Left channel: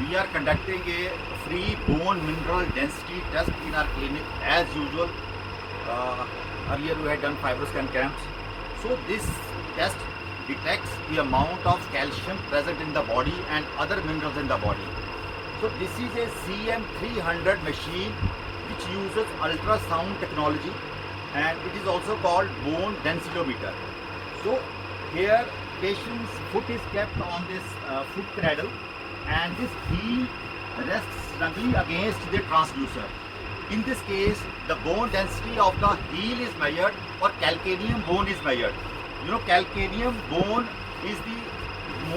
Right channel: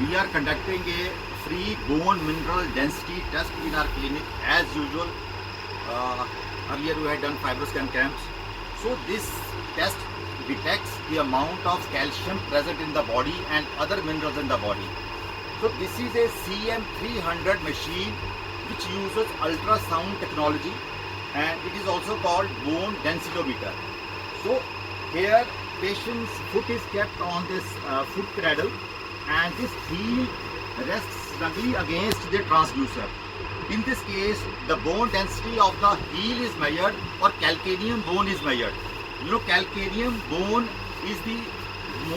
We are conducting a free bone mineral density test in our clinic as usual. Earlier we had done fibroscan camps. So this test detects the amount of calcium present in the body and other minerals in the body. So this is a CM300 machine which uses ultrasound technology, and it is also called bone densitometer. So here patient's foot is kept on this foot cradle, and this heel rests snugly against the transducer. In this case, the bone density of the heel is measured, or calcaneum bone is measured. You know, calcaneum bone is the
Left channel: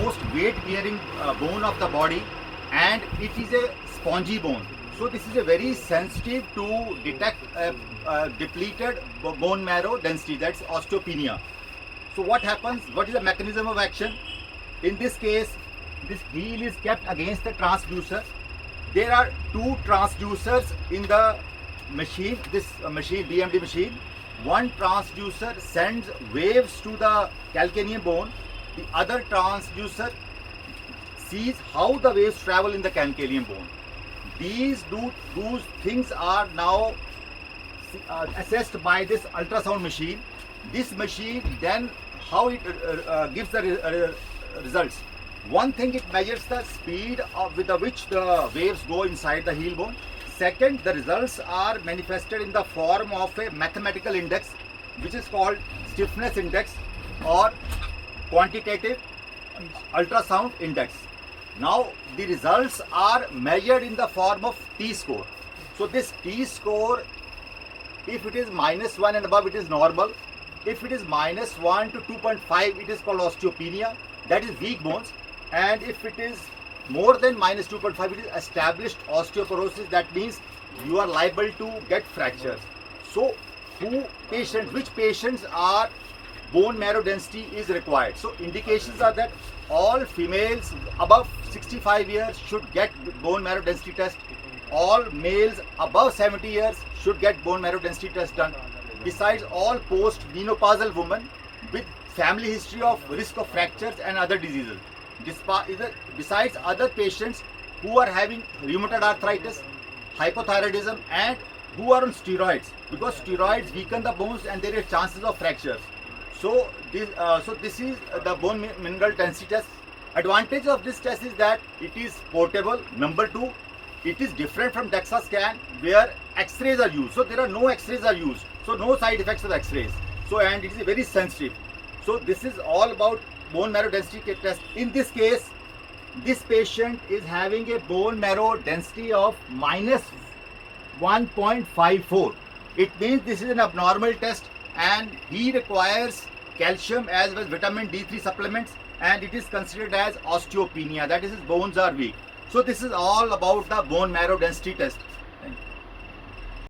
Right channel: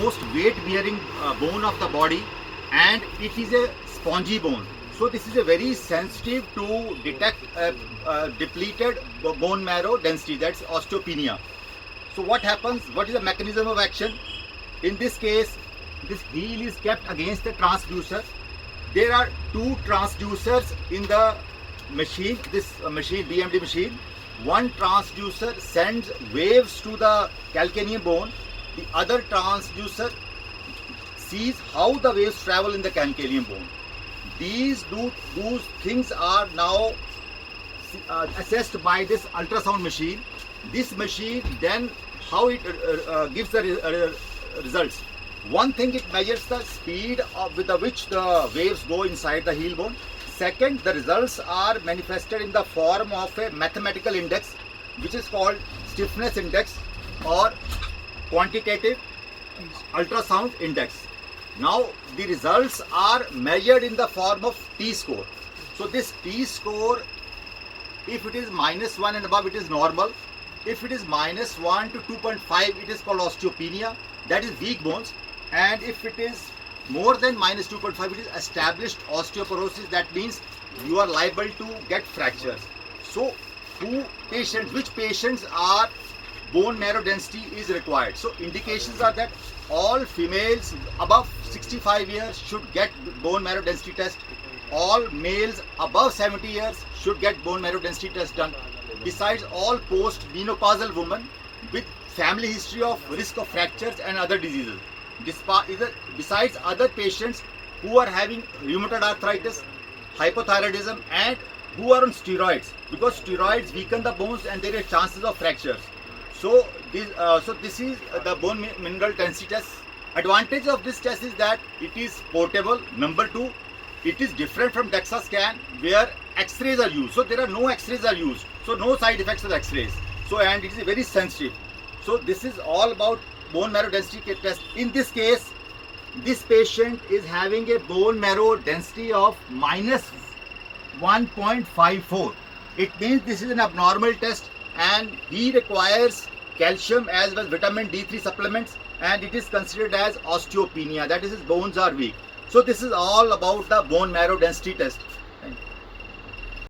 most weight bearing bone of the body, and it is a spongy bone. So this is a very sensitive to detect depleted bone marrow density, that's osteopenia. So what happens, what is the mechanism of action? In this case, this heel is kept against the transducer. There are two transducers in the machine, this machine, BMD machine. One transducer sends waves to the calcaneum bone. The other transducer sees how the waves travel in the calcaneum bone. These things are now assessed by this ultrasound machine. This machine then how it gives the results. One thing, it measures the speed with which the waves go inside the heel bone. Second, the results are manifested in the form of a mathematical index which is called stiffness index or quantitative ultrasound index. Now the results are measured in the form of T-score. So this T-score, if it is -1 and above, it is normal. If it is -1 to 2.5, it is called osteopenia, that is weak bones. And if it is more than -2.5, it is established osteoporosis, that means you are liable to get fractures. So which patients are bone marrow density is required? So indications are that all females above 65 years should get bone marrow density test. All males above 70 years should get bone marrow density test done. Besides, all post-menopausal women with family history of risk of fractures and other diseases. Besides other patients who are having rheumatoid arthritis, hypothyroidism, and who are on steroids, because steroids weaken the bones and there are chances of fractures. So this is the bone mineral density test. Advantage of this test is that it is portable. Number two, it is different from DEXA scan where X-rays are used. So there are no X-rays are used. So no side effects of X-rays. So, and it is very sensitive. So this is all about bone marrow density test. In this case, this patient is having a bone marrow density of -1.54. It means this is an abnormal test, and he requires calcium as well as vitamin D3 supplements, and it is considered as osteopenia, that is his bones are weak. So this is all about the bone marrow density test.